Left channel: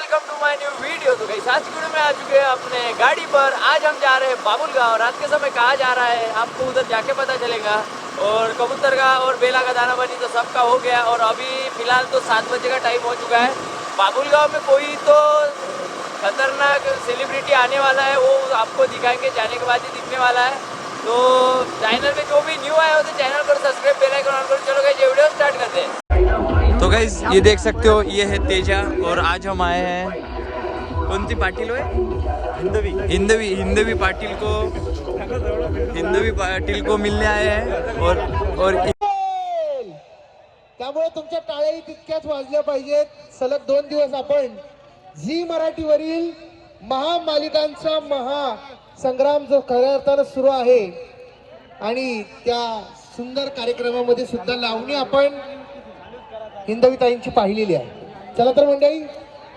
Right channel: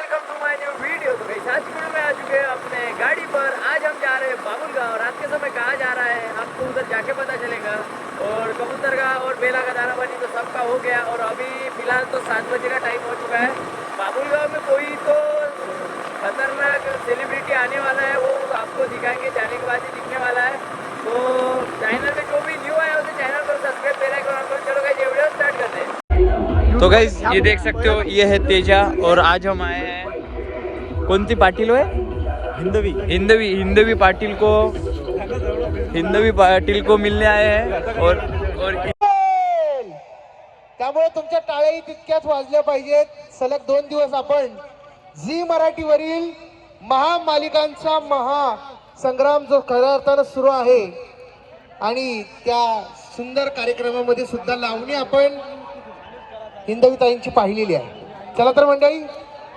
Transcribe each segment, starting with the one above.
Welcome to my new video. तो guys आज video में आ चुके हैं अपने गाड़ी पर। आज हम जा रहे हैं बाबुल गाँव। रात के समय कहाँ जा रहा है आपको उधर जाके पता चलेगा। और कबूतर का और बेला का दाना पानी तो सबका हो गया और अभी फिलहाल तो 7 बजे का टाइम हो चुका है। बाबुल गाँव में कोई तो खतरनाक सेलिब्रिटी आने वाला है, वो आपको दिखाएंगे, जाने के बाद ही दिखने वाला है। तो चैनल में जो भी न्यू आया हो तो चैनल को सब्सक्राइब बेल आइकन ऑन करो। चलो गाइस ये वीडियो स्टार्ट करते हैं। तो गाइस ये देख सकते हो, ये है तेजा और आज हम आए हैं कोणती पाटील है हिंदवी पाटील को मिलने आए हैं और त्यामुळे तुमच्या टाळ्याही तितक्याच वाजल्या पाहिजेत। सलग 2 दिवस आपण झी मराठीवरील महामालिकांचा महासंग्राम जो खऱ्या अर्थानं सुरू आहे आणि त्या सुंदर कार्यक्रमामध्ये सुद्धा लावणी आपण हिंदवीताईंची पाहिलेली आहे। चला तर मंडळी,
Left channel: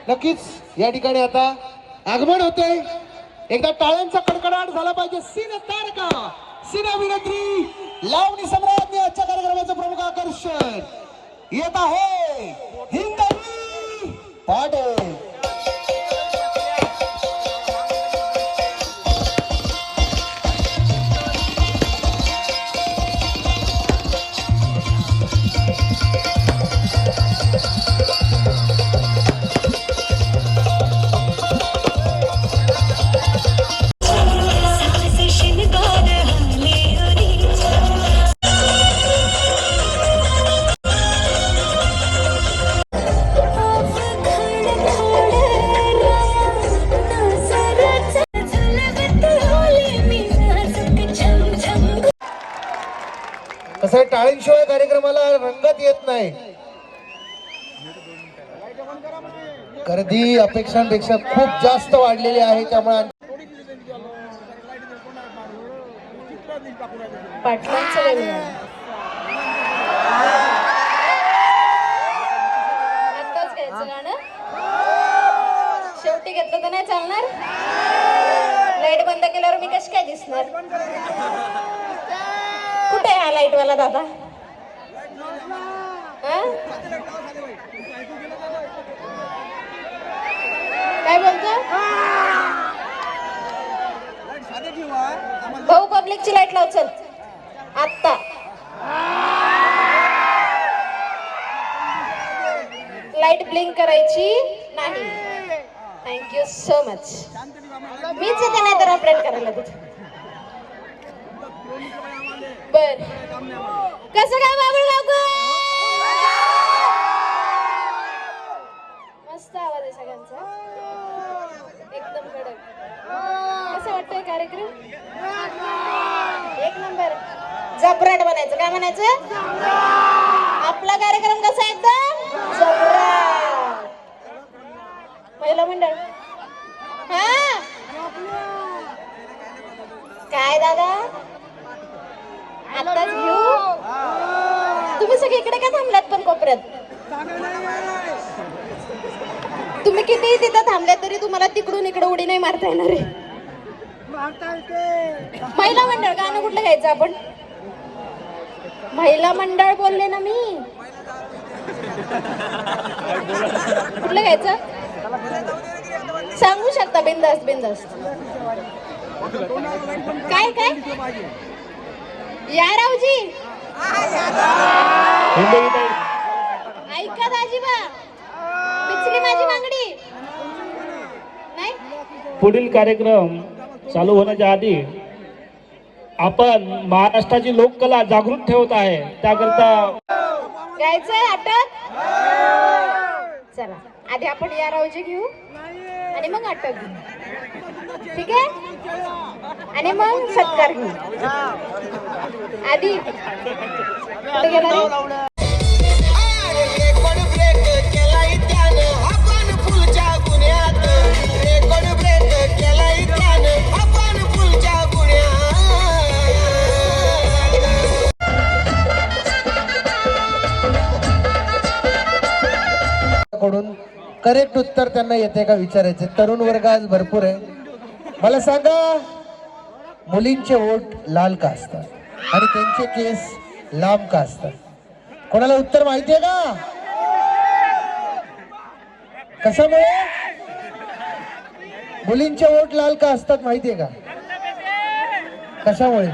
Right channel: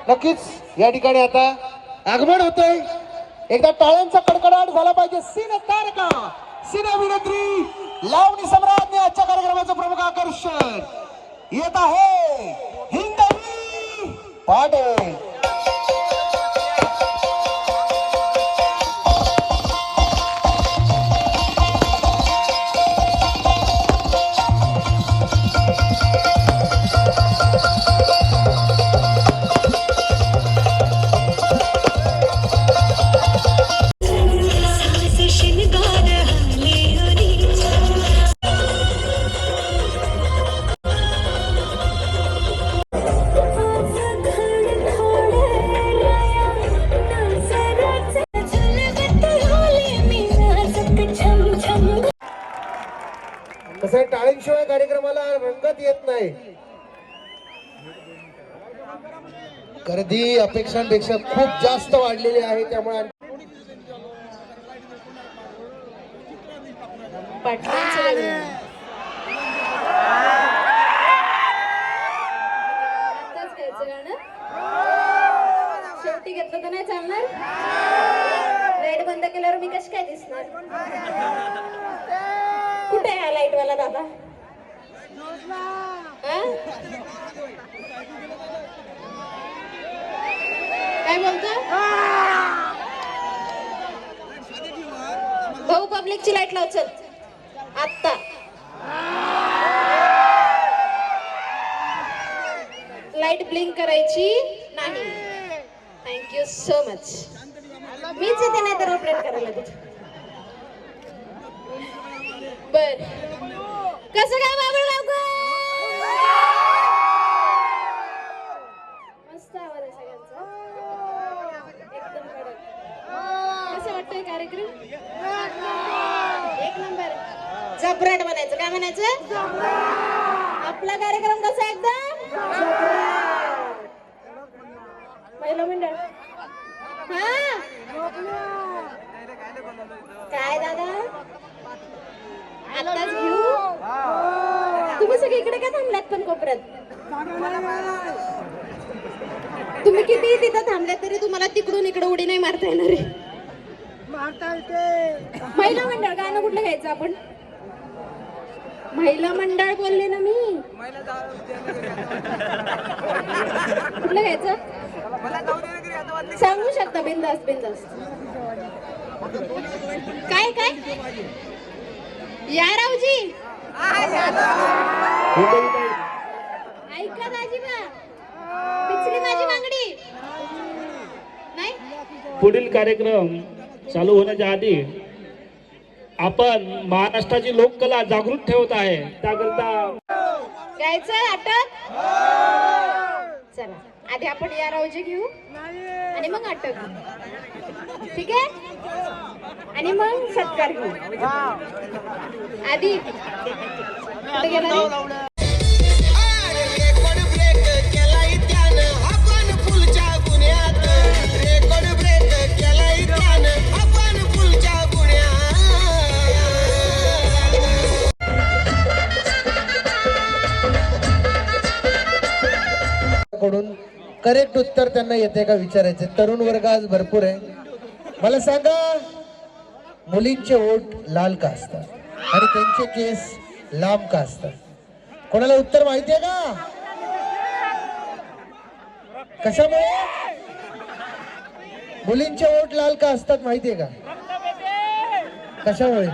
नक्कीच या ठिकाणी आता आगमन होतंय। एकदा टाळ्यांचा कडकडाट झाला पाहिजे। सिने तारका, सिने अभिनेत्री, लावणी सम्राज्ञी आजच्या कार्यक्रमाचं प्रमुख आकर्षण येत आहे हिंदवी पाटील। कसं टाळ्यांशिवाय कार्यक्रमाला रंगत येत नाही। गर्दी अपेक्षांपेक्षा खूप जास्त वाढलेली आहे, त्यामुळे आत्ताच घ्यायचं गाणं, शेवटी घेतलं तर नाही चालणार। लाईट बंद केल्यावर मी कशी काय दिसणार? कुठे हा लाईट वाला दादा? काय बोलतो भाऊ? पब्लिकची लाईट लाव चल आत्ता। लाईट ब्लिंक करायची नाही। Thank you so much. मीच येते नाही तर अपडेट करायला तिथे। बर, कसं काय बाबूल गावकर? मस्त आवाज आहे सगळ्यांचा, एकदम कडक। कसं वाटतंय कार्यक्रम? एक नंबर। जबराट बनायचं। काय म्हणायचं? आपला कार्यक्रम कसा एकदम जबराट। महिला मंडळ हा काय दादा आत्ताच घेऊ? तुम्ही सगळे इकडे काय थांबल्यात पण कोपऱ्यात? तुम्ही किती तिथं थांबल्यात तरी तुम्हाला तिकडून इकडे उडी नाही मारता येणार आहे। महिला मंडळ गाणं कुठलं घ्यायचं आपण? महिला मंडळ बोलले ना मी। कुठलं घ्यायचं सांगू शकता? बिंदास्त बिंदास्त। काय काय या रावजी ऐका दाजीबा, पिचली माझी मागणी नाही। पुढील कार्यक्रम चालू होण्याच्या आधी आपण महाराष्ट्राची लोककला जागृत ठेवत आहे, त्याकरता घ्यायचं अटक। चला आधी आपण या रावजी घेऊ आणि मग अटक घेऊ, ठीक आहे? आणि मग सत्कार घेऊ। आधी कुठे गेला रे? कडून करेक्ट उत्तर त्यांना येते का विचारायचे। तरुण वर्ग आज भरपूर आहे। मला सांगा, मुलींचे ओठ लाल का असतात आणि त्यांचे केस लांब का असतात? कोणाला उत्तर माहितीये का? कशामुळे? मुलींचे ओठ लाल का असतात माहितीये का? कशामुळे?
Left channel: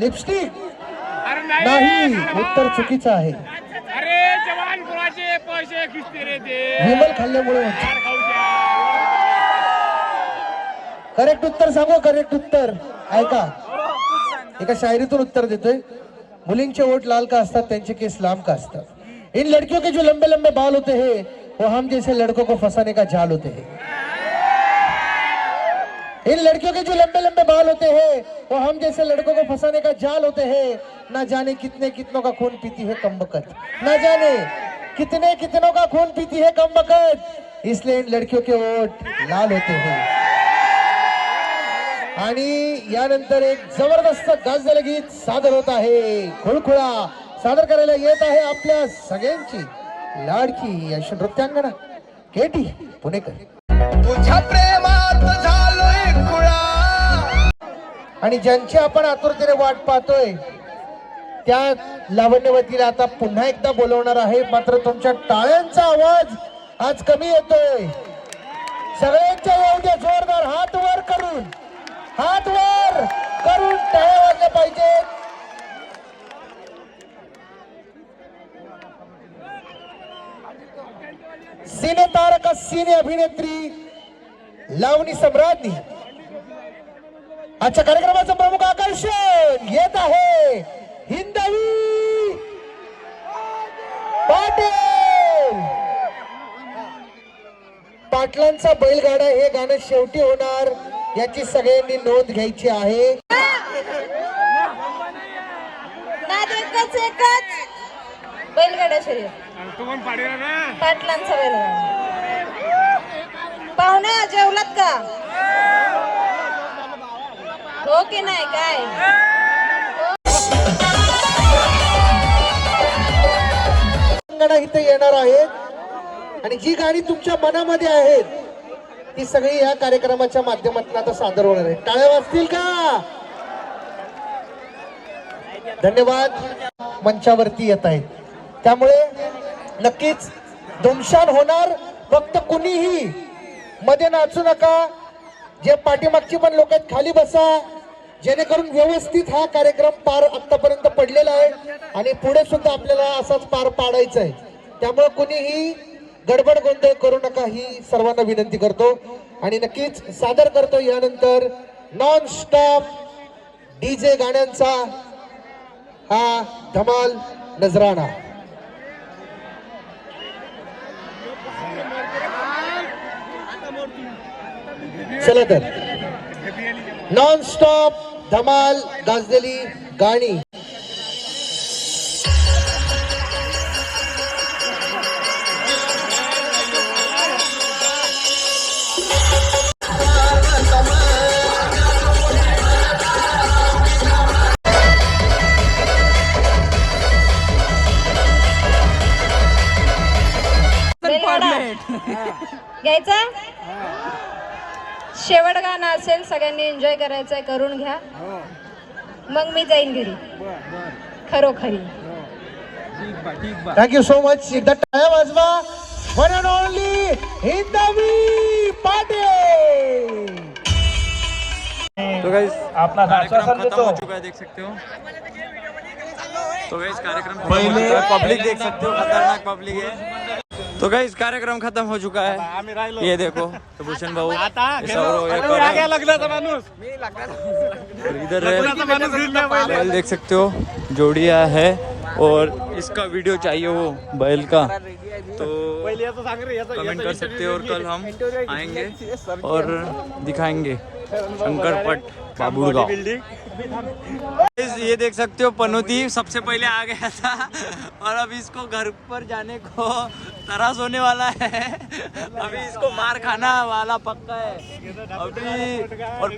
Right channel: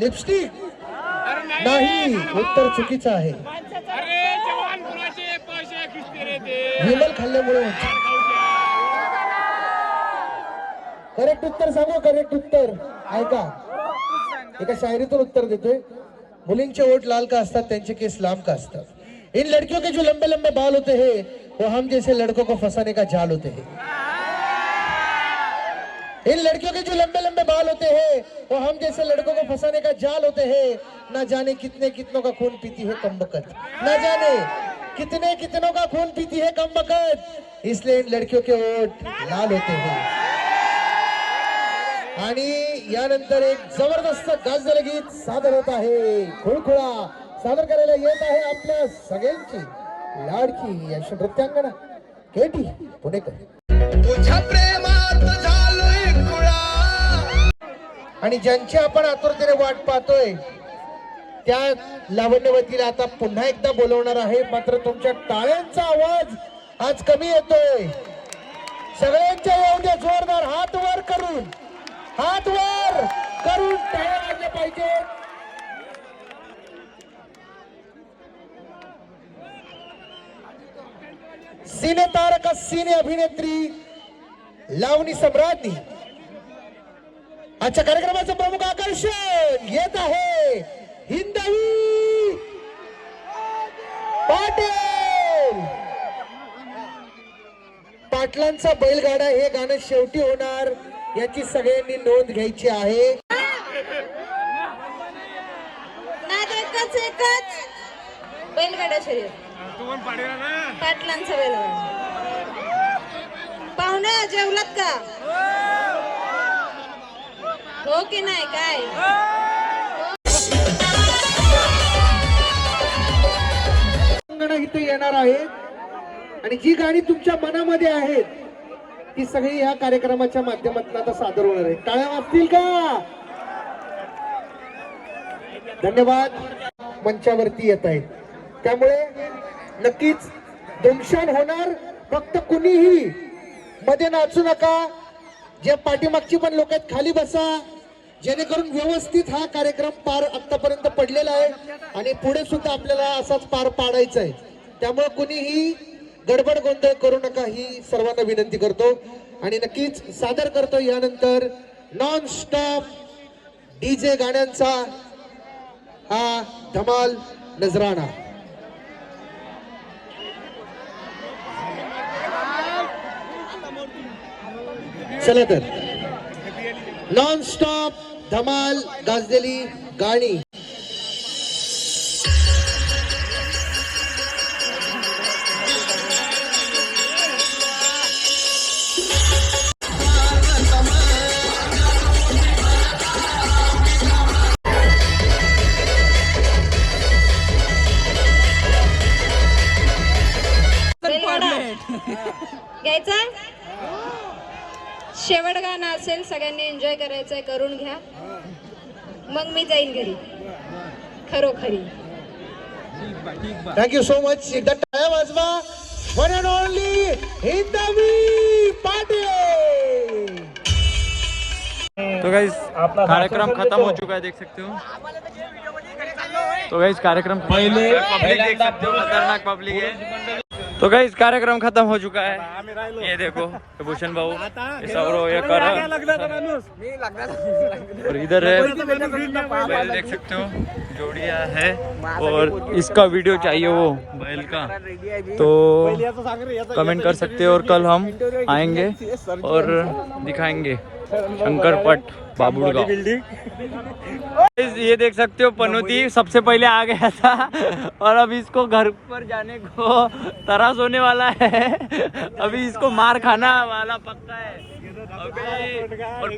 लिपस्टिक नाही, उत्तर चुकीचं आहे. विमल खाल्ल्यामुळे. करेक्ट उत्तर सांगू, करेक्ट उत्तर ऐका. एका शायरीतून उत्तर देतोय. मुलींचे ओठ लाल का असतात, त्यांचे केस लांब का असतात? इन लड़कियों के जो लंबे लंबे बाल होते हैं वो हम जैसे लड़कों को फंसाने का जाल होते हैं. इन लड़कियों के जो लंबे लंबे बाल होते हैं वो हम जैसे लड़कों को फंसाने का जाल होते हैं. ना जाने कितने कितनों का खून पीती है कमबख्त, ना जाने कितने कितनों का खून पीती है कमबख्त, इसलिए इन लड़कियों के ओठ लाल होते हैं. आणि यानंतर एक जबरदस्त गाजलेलं गीत सादर होत आहे. खुळखुळा सादर करायला येत आहे आपल्या सगळ्यांची लाडकी अशी नृत्यांगना केटी पुणेकर. तुझ्या प्रेमात झालोय खुळा. आणि ज्यांची आपण आतुरतेने वाट पाहतोय त्या लावण्यवतीला आता पुन्हा एकदा बोलवणार आहे. मात्र तुमच्या टाळ्यांचा आवाज आज कमी येतोय. सगळ्यांच्या येऊ द्या जोरदार हात वर करून टाळ्या वाजल्या पाहिजे. सिने तारका सिने अभिनेत्री लावणी सम्राज्ञी आजच्या कार्यक्रमाचं प्रमुख आकर्षण येत आहे हिंदवी पाटील. पाटलांचा बैलगाडा हे गाणं शेवटी होणार याची सगळ्यांनी नोंद घ्यायची आहे. एकच बैलगाडा शर्यत, पाटलांचा बैलगाडा. पाहुणा जेवलात का? हो की नाही काय? इथे येणार आहेत आणि जी गाणी तुमच्या मनामध्ये आहेत ती सगळी या कार्यक्रमाच्या माध्यमातून आता सादर होणार आहे. टाळ्या वाजतील का? धन्यवाद. मंचावरती येत आहेत त्यामुळे नक्कीच धुमशान होणार. फक्त कुणीही मध्ये नाचू नका. जे पाठीमागची पण लोक आहेत खाली बसा, जेणेकरून व्यवस्थित हा कार्यक्रम पार आतापर्यंत पडलेला आहे आणि पुढे सुद्धा आपल्याला असाच पार पाडायचा आहे. त्यामुळे कुणीही गडबड गोंधळ करू नका ही सर्वांना विनंती करतो. आणि नक्कीच सादर करतो यानंतर नॉन स्टॉप डीजे गाण्यांचा हा धमाल नजराणा. चला तर नॉन स्टॉप धमाल गाजलेली गाणी. घ्यायचा. शेवट गाणं असेल, सगळ्यांनी एन्जॉय करायचंय, करून घ्या. मग मी जाईन घरी खरोखरी. Thank you so much. एकदा टाळ्या वाजवा. वन अँड ओनली हिंदवी पाटील. अपना कार्यक्रम खत्म हो चुका है, देख सकते हो. तो गाइस कार्यक्रम खत्म हो चुका है. पब्लिक देख सकते हो, खतरनाक पब्लिक है. तो गाइस कार्यक्रम खत्म हो चुका है. ये देखो भूषण भाऊ, ये सौरव, ये करण और इधर है बैल, देख सकते हो जोड़िया है. और इसका वीडियो चाहिए वो बैल का तो कमेंट कर सकते हो और कल हम आएंगे और दिखाएंगे शंकरपट बाबुड़गांव. ये देख सकते हो पनौती सबसे पहले आ गया था और अब इसको घर पर जाने को तरास होने वाला है. अभी इसको मार खाना वाला पक्का है अभी. और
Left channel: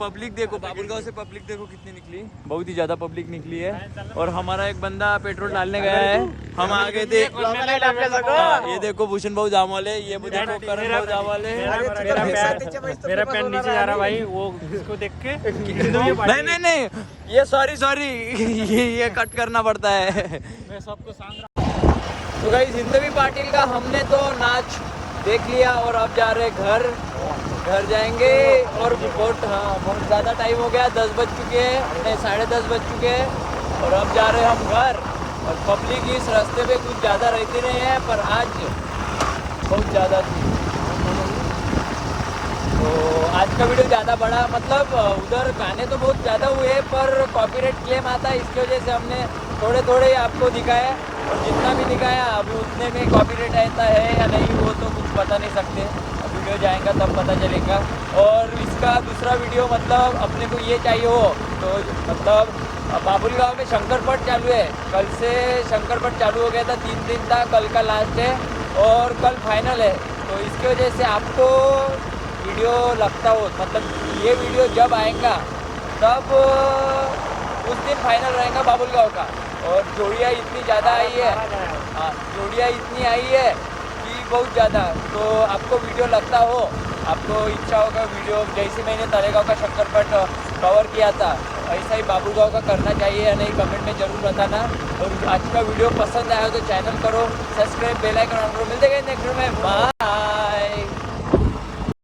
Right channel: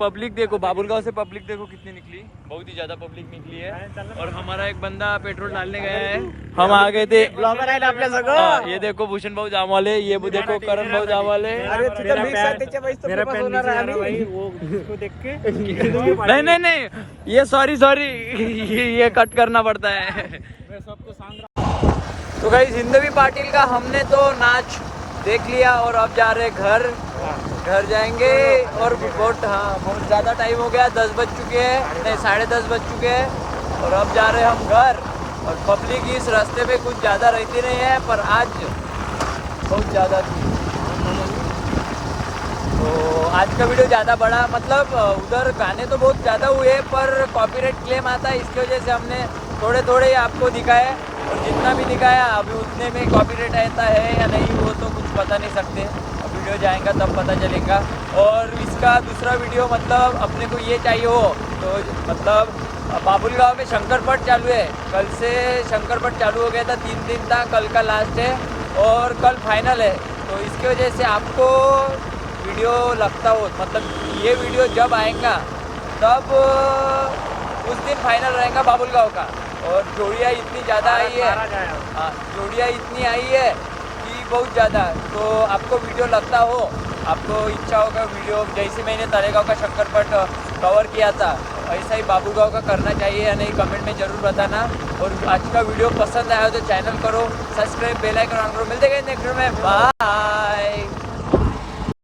पब्लिक देखो, बाबुलगांव से पब्लिक देखो कितनी निकली, बहुत ही ज्यादा पब्लिक निकली है. और हमारा एक बंदा पेट्रोल डालने गया है, हम आ गए थे. ये देखो भूषण भाऊ जाम वाले, ये देखो करण भाऊ जाम वाले. मेरा पैन नीचे जा रहा भाई, वो इसको देख के नहीं ये सॉरी ये कट करना पड़ता है. मैं सबको सांग रहा. तो गाइस हिंदवी पाटिल का हमने तो नाच देख लिया और अब जा रहे घर जाएंगे। और बहुत ज़्यादा टाइम हो गया, 10 बज चुके हैं, नहीं 10:30 बज चुके हैं और अब जा रहे हैं हम घर। और पब्लिक इस रास्ते पे कुछ ज़्यादा रहती नहीं है, पर आज बहुत ज़्यादा थी। तो आज का वीडियो ज़्यादा बड़ा, मतलब उधर गाने तो बहुत ज़्यादा हुए पर कॉपीराइट क्लेम आता है, इसकी वजह से हमने थोड़े थोड़े आपको दिखाया। और जितना भी दिखाया अभी उतने में कॉपीराइट आता है या नहीं वो तो कुछ पता नहीं सकते, अब वीडियो जाएगा तब पता चलेगा। और इसका दूसरा वीडियो मतलब अपने को ये चाहिए हो तो मतलब बाबुल गाँव में शंकरपट चालू है, कल से शंकरपट चालू हो गया था, 3 दिन था, कल का लास्ट है और कल फाइनल है। तो इसकी वजह से आपको वीडियो लगता हो, मतलब ये वीडियो जब आएगा तब उस दिन फाइनल रहेगा बाबुल गाँव का। और जोड़ियाँ इतनी ज़्यादा आई है, हाँ जोड़ियाँ इतनी आई है कि बहुत ज़्यादा। तो आपको वीडियो लगता हो, आपको इच्छा होगा वीडियो, जैसे मैंने तलेगांव का शंकरपट कवर किया था ऐसा ही बाबुल गाँव का करना चाहिए या नहीं, कमेंट में ज़रूर बताना। और आज का वीडियो पसंद आया तो चैनल करो सब्सक्राइब, बेल आइकन ऑन करो। मिलते हैं नेक्स्ट वीडियो में, बाय।